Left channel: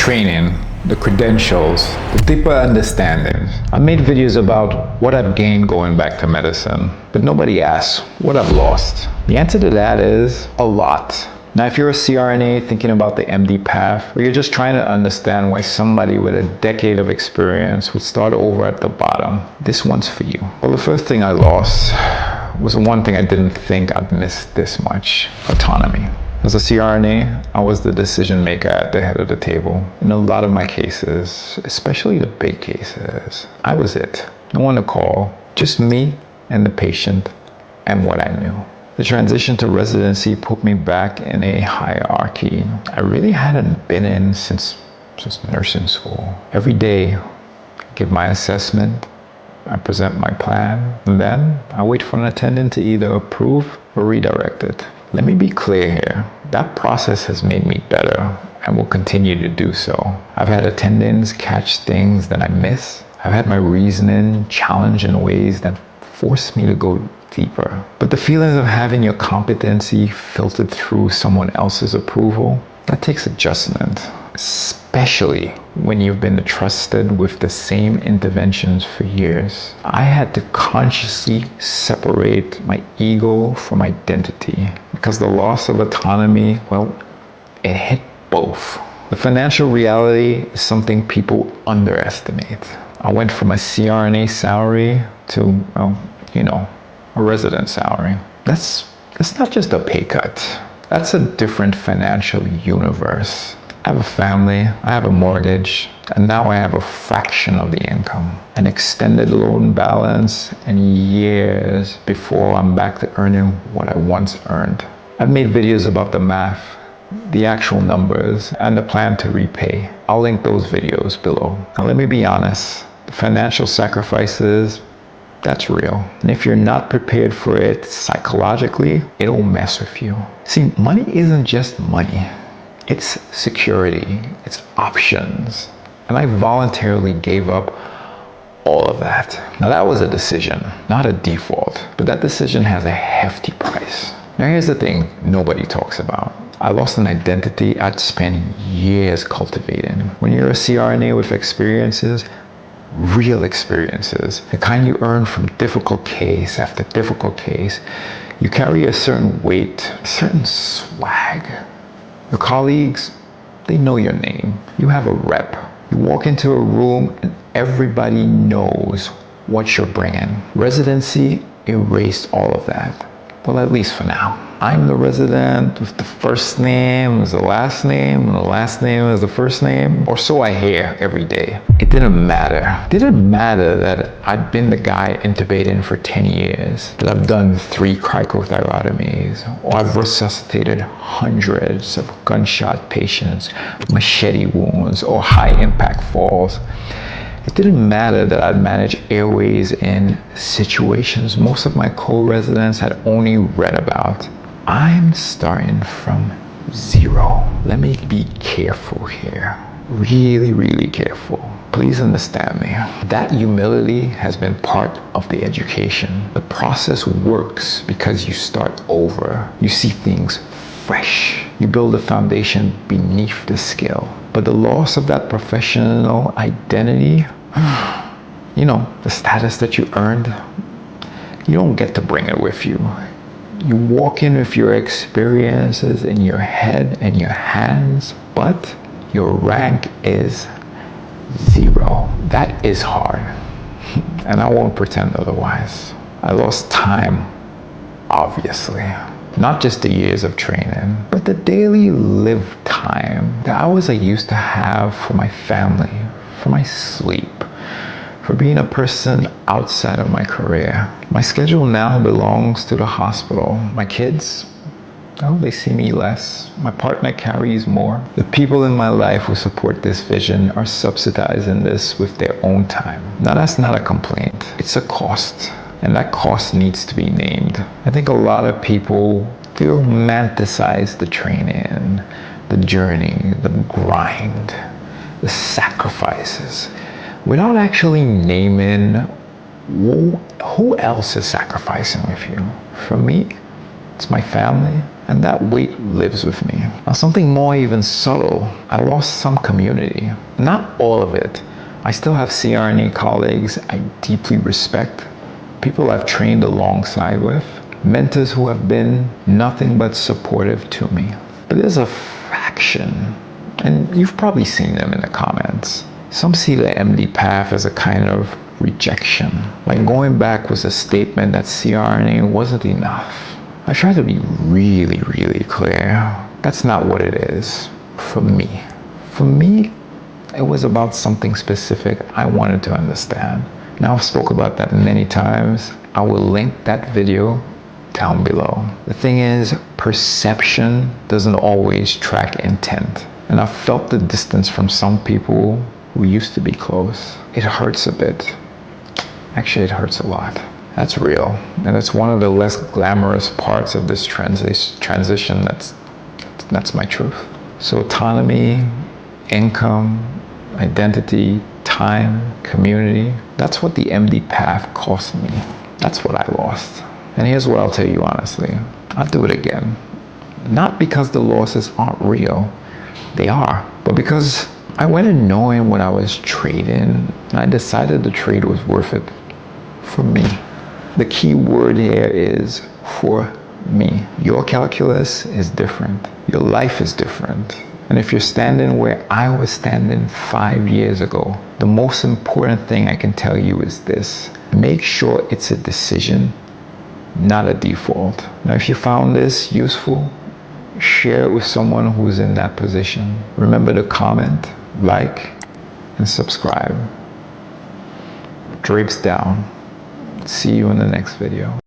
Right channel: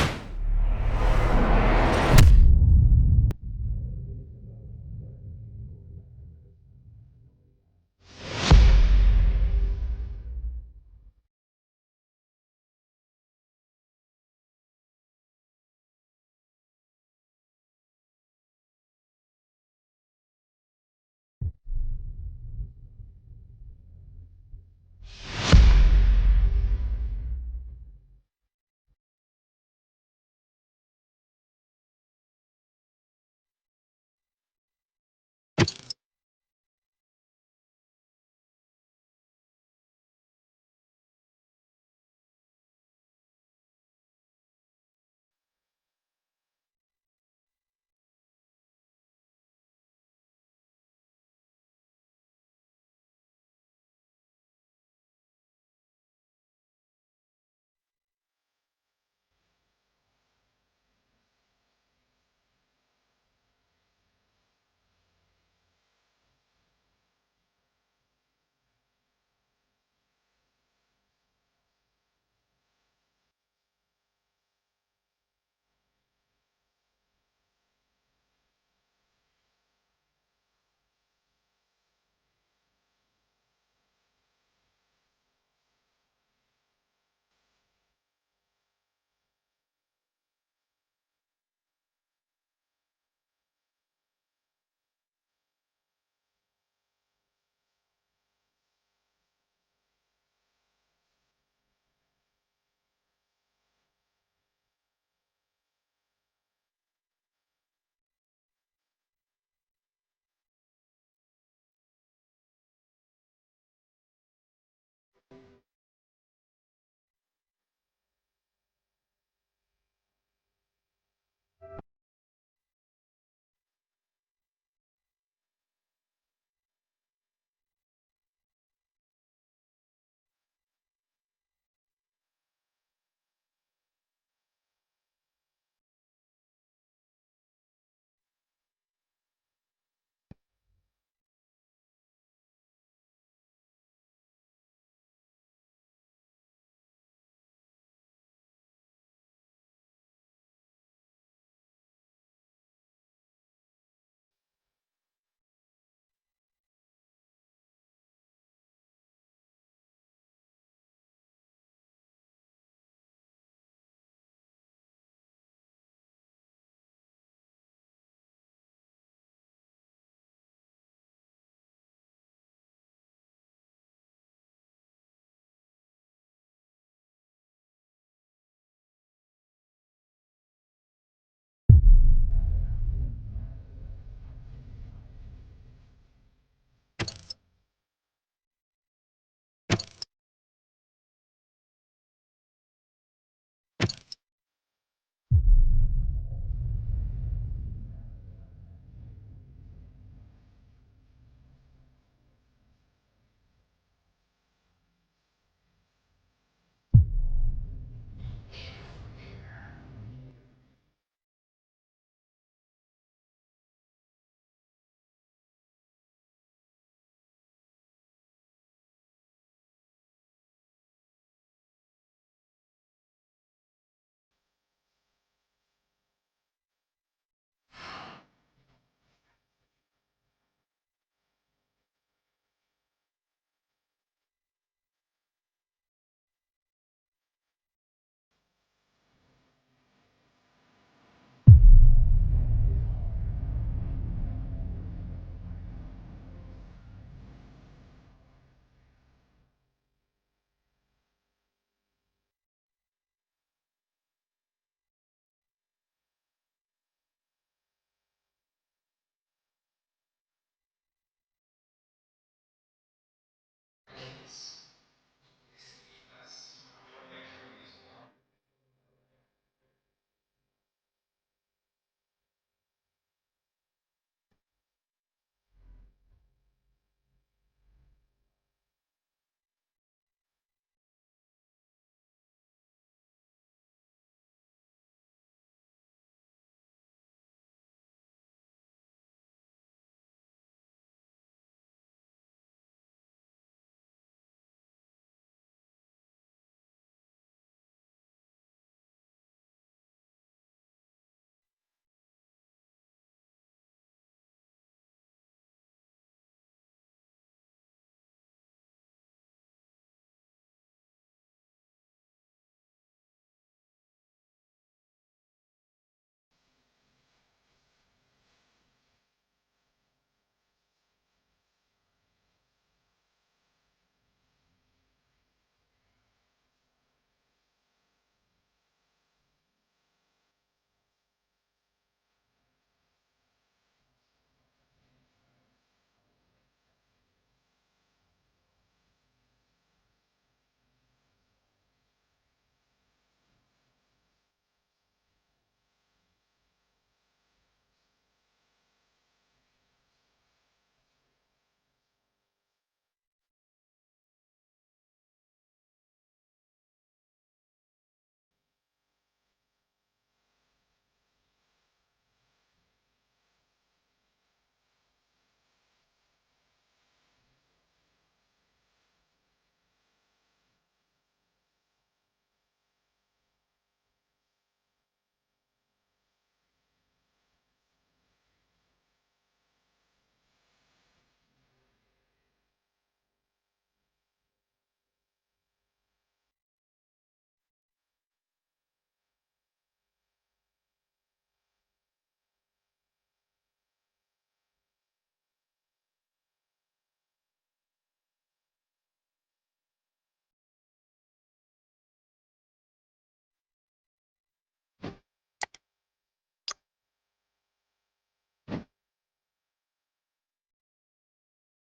training, the credentials, the deeper understanding. I made videos about what I've gained going back to medicine, but nobody asks what I've lost. The answer to that is a lot. Now, if you're a CRNA thinking about the MD path, or you're just trying to understand why somebody with a decade of experience would start over at the bottom, this one's for you. Well, the first thing I lost was the one thing I didn't think I'd miss this much: autonomy. As a CRNA, I was the decision maker at the head of the table. In a lot of my cases, especially the big cases, I was it. No one to call, just me and the patient and what I knew. The transition to residency put me back in a hierarchy I really hadn't been in since nursing school. Every day, I give my assessment, I present my plan, and then I wait for an attendant to either approve or redirect it. Let me be clear here. That process has made me better and will continue to do so. I've had attendants catch things that I miss. I've had my reasoning challenged in ways that force me to go deeper. But the feelings of having your competency filtered through someone else's approval, that takes adjustment, especially when you've been trusted with the same interventions for years. I had to consciously separate my ego from identity because the loss of autonomy, well, it hit both. The financial reality is something people underestimate. I went from a CRNA salary to, a resident salary. That's not just a pay cut. That's a different financial universe. I have a family, I have a mortgage, and now I have a fraction of the income, an extended loan balance, and years before I'm back to earning what I once earned. I've made videos about the math, the actual numbers, and the plan to repay. I'll link those videos below. Now let me be honest, the financial sacrifices, that's real. And if you're not prepared for it psychologically, it'll mess with you. See, money isn't just money. It's security, it's options. And I voluntarily gave up all of that. Now that was a decision, not a default, but that decision has a hefty price. Now here's the thing nobody talks about. I lost an identity I'd spent years cultivating. When you're a CRNA with experiences, real experiences, the kind you earn from difficult case after difficult case, you carry a certain weight, a certain swag. Your colleagues, they know your name. You have a rep. You walk into a room and everybody knows what you're bringing. Residency erased all of that. Well, at least for now. I'm the resident with the first name as the last name and the last name as the first name, or so I hear every day. It didn't matter. It didn't matter that I'd been the guy intubating for 10 years, that I've done 3 cricothyrotomies, or I've resuscitated hundreds of gunshot patients, machete wounds, or high impact falls. It didn't matter that I'd managed airways in situations most of my co-residents had only read about. I'm starting from zero. Let me be careful here. Really, really careful. Please understand me. That humility has been part of the education. The process works because you start over. You see things fresh. You build a foundation beneath the skill. But the loss of that professional identity, the status that you earned, you don't get to bring it with you. You walk in with your experiences in your head and your hands, but your rank is 0. That is hard. And I won't pretend otherwise. I lost time, obviously. Not just the years of training, but the daily lived time, the hours I used to have for my family, for my sleep, for being a person outside of my career. My schedule now belongs to the hospital. My kids, they see me less. My partner carries more. The people in my life who support this vision are subsidizing this with their own time. Now that's not a complaint, it's a cost. And that cost needs to be named. I think a lot of people, they romanticize the training, the journey, the grind, the sacrifices, without actually naming who else is sacrificing with you. For me, it's my family And that weight lives with me. Now, something more even subtle, I lost some community. Not all of it. I still have CRNA colleagues I deeply respect, people I've trained alongside with, mentors who have been nothing but supportive to me. But there's a fraction, and you've probably seen them in the comments. Some see the MD path as a kind of rejection. Like going back was a statement that CRNA wasn't enough. I try to be really, really clear. That's not what it is for me. For me, it was about something specific I wanted to understand. Now, I've spoke about that many times. I will link that video down below. The thing is, perception doesn't always track intent. And I've felt the distance from some people who used to be close. It hurts a bit. Actually, it hurts a lot. That's real. And it's one of the less glamorous parts of this transition. That's my truth. So autonomy, income, identity, time, community, that's what the MD path cost me. That's what I lost. And here's what I'll tell you honestly. I'll do it again. Not because the losses aren't real. They are. But because I went in knowing what I was trading, and I decided the trade was worth it for me. The key word here is for me. Your calculus is different. Your life is different. And if you're standing where I was standing 5 years ago, the most important thing I can tell you is this. Make sure it's a decision, not a default. Now, if you found this useful, share it with someone who's in that position. Remember to comment, like, and subscribe. Drapes down. See you in the next video.